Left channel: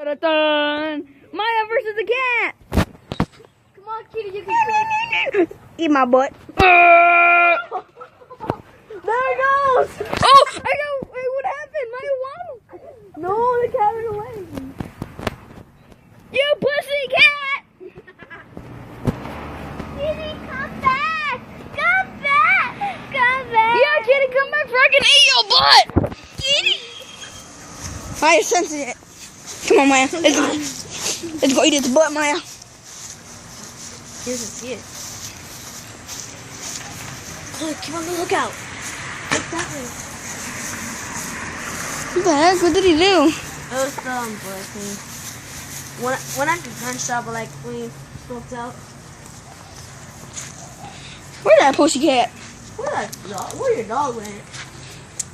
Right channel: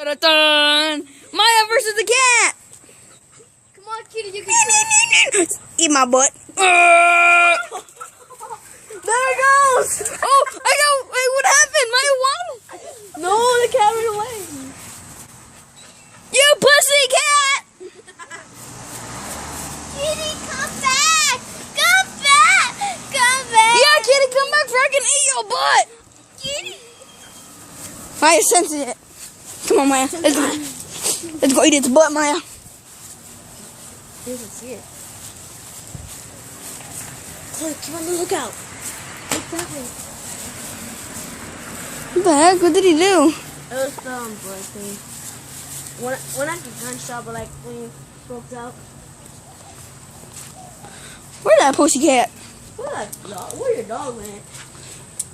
Dun-dun-dun. Maya versus the cat. Come on, kitty, you can do it. Eat my butt. There it goes. Oh, I got. Wait, what happened? Maya won. No, the cat ran away. You pussy cat. Kitty, come back. Come back. Come back. Yeah, kitty, come back so I can eat your butt. Kitty. Maya senses it. Come on, Maya. Let's go eat its butt, Maya. He doesn't see it. Look, keep on the lookout. Look that way. What the heck? What did he do? It was the boy thing. When I gun shot, but like we smoked out. Where's that pussy cat? Where your dog went?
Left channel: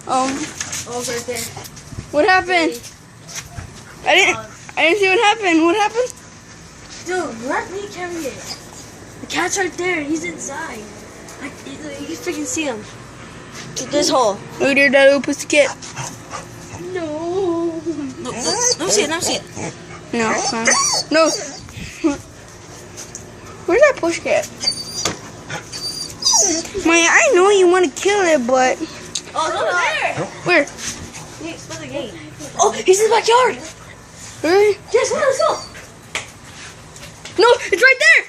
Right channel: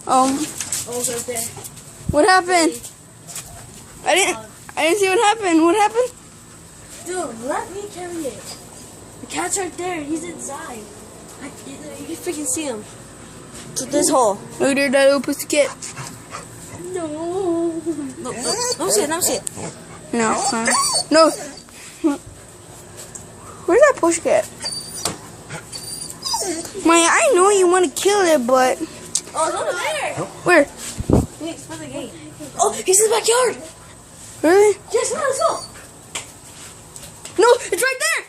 Oh, It's right there. what happened? I didn't see what happened. What happened? Dude, let me carry it. The cat's right there. He's inside. You can freaking see him. This hole. Look there, that little pussy cat. No. No, see it. No, no. Where's that pussy cat? Maya, I know you want to kill it, but Oh, it's over there. where? Hey, explode the gate. Oh, he's in the backyard. Really? Yes, let's go. No, it's right there.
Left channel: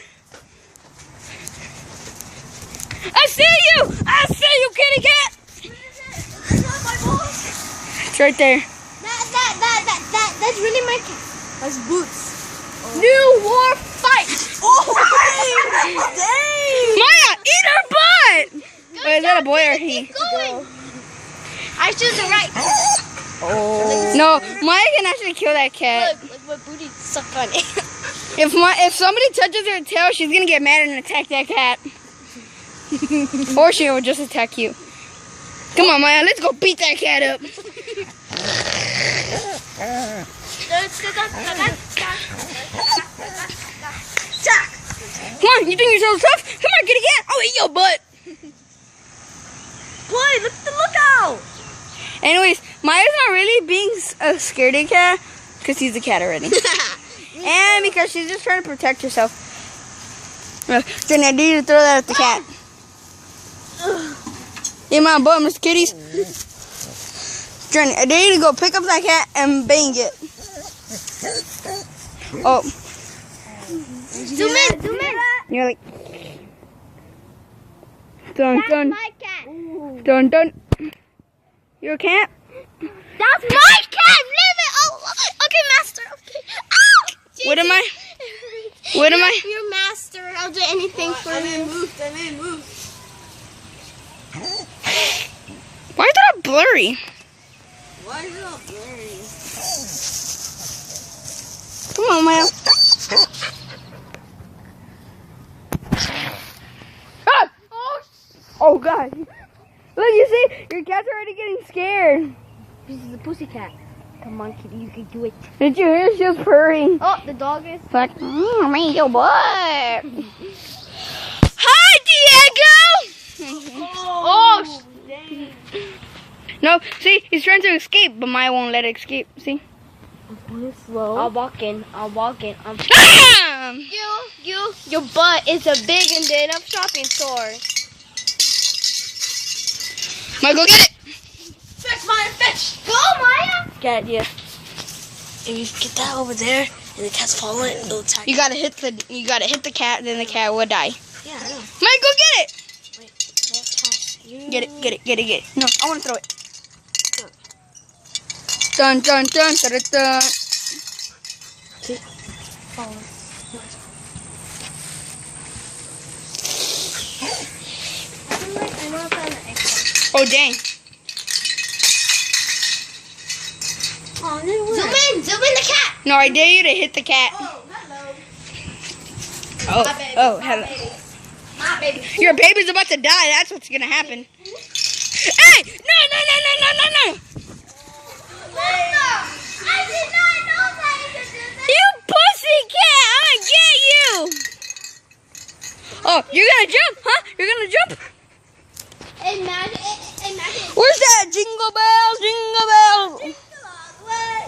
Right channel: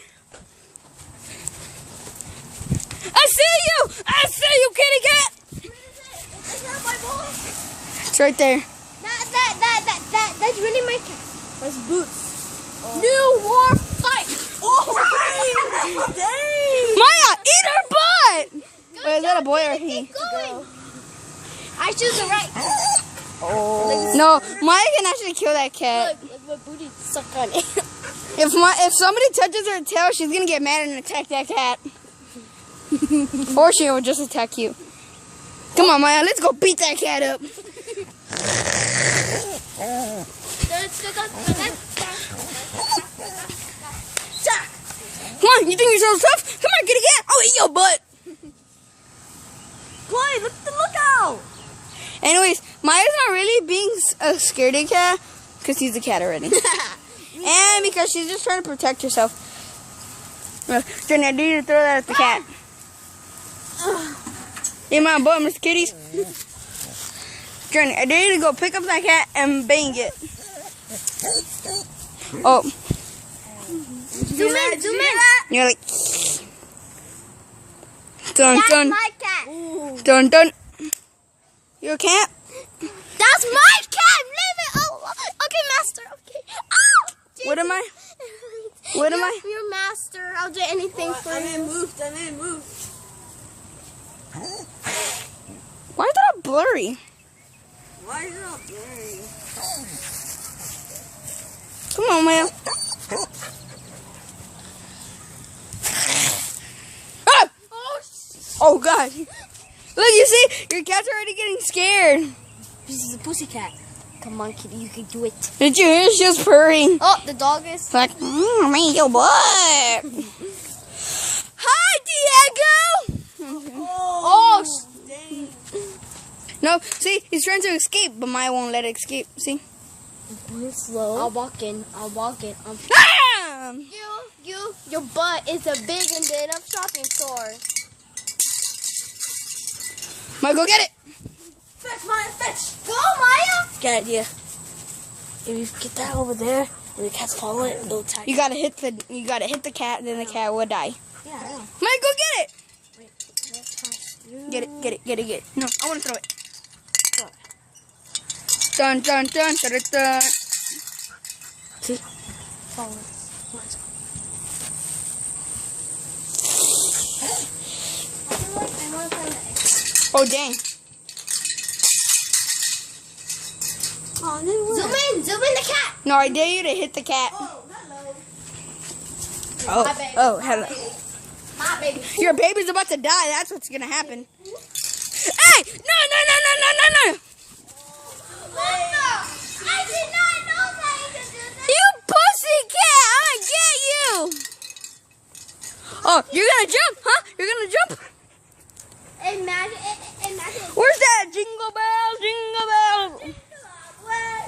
I see you! I see you, kitty cat! It's right there. That's really my cat. That's Boots. New war fight! Oh, dang. Maya, eat her butt! Wait, is that a boy or he? Going. I choose the right. Oh. No, Maya can actually kill that cat. Look my booty suck on it. If somebody touches her tail, she's gonna get mad and attack that cat. Or she will just attack you. Come on, Maya, let's go beat that cat up. Come on, you think you're so tough? Come on, kitty cat, I'll eat your butt. Boy, look at the lookout. Anyways, Maya's not really being a scaredy cat because he's a cat already. And because she's just trying to protect herself. Then I need to throw that at the cat. Eat my butt, Miss Kitty. Journey, I dare you to go pick up that cat and bang it. Oh. Zoom in. You're like. Dun dun. My cat. Dun dun. You're a cat? That's my cat. Leave it. Oh, okay, master. Okay. Ow! What am I? What am I? You're master. I'll do anything for you. I didn't move. Why is that blurry? Why is it all blurry? Come on, Maya. Ah! Oh, God. Look, you see? Your cat's already getting scared. This is a pussy cat. Come on, kitty. You can do it. Did you hear? She was purring. Oh, the dog is. Like, man, your butt. Hi, Diego. Oh, dang. No, see, he's trying to escape, but Maya won't let it escape. See? Slow. I'll walk in. Bam! Your butt is a big and enough shopping store. Maya, go get it. Fetch, Maya, fetch. Go, Maya. Good idea. And you get that over there, and the cat's following it, and they'll attack You gotta hit the cat, then the cat will die. Yeah, I know. Maya, go get it. Wait, let's test you. Get it. No, I want to throw it. Dun dun dun dun dun. Dun. See? Follow. Oh dang! Zoom in the cat. No, I dare you to hit the cat. Oh, hello. Oh, hello. My baby. Your baby's about to die. That's what's gonna happen. Hey! No! I did not know that you could do that. You pussy cat! I'm gonna get you! Oh, you're gonna jump, huh? You're gonna jump? Imagine. Where's that? Jingle bells, jingle bells.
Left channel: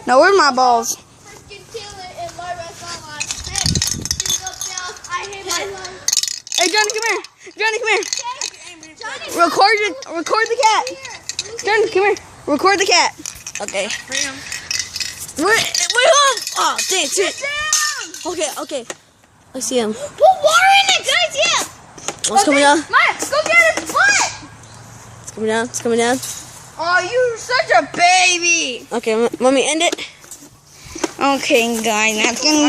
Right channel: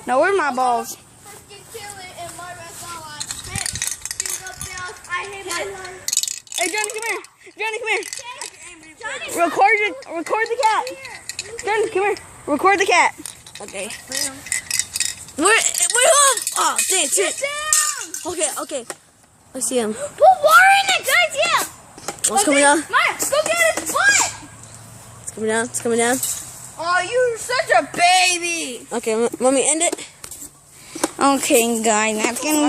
No, where's my balls? freaking Taylor and my restaurant. Hey, I hate my life. Hey, Johnny, come here. Johnny, come here. Johnny, Record the cat. Johnny, come here. Record the cat. Okay. Wait, oh, dang it. Okay. I see him. put water in it, guys. Yeah. Oh, it's coming down. Maya, go get his foot. It's coming down. Oh, you're such a baby. Okay, let me end it. Okay, guys, that's gonna be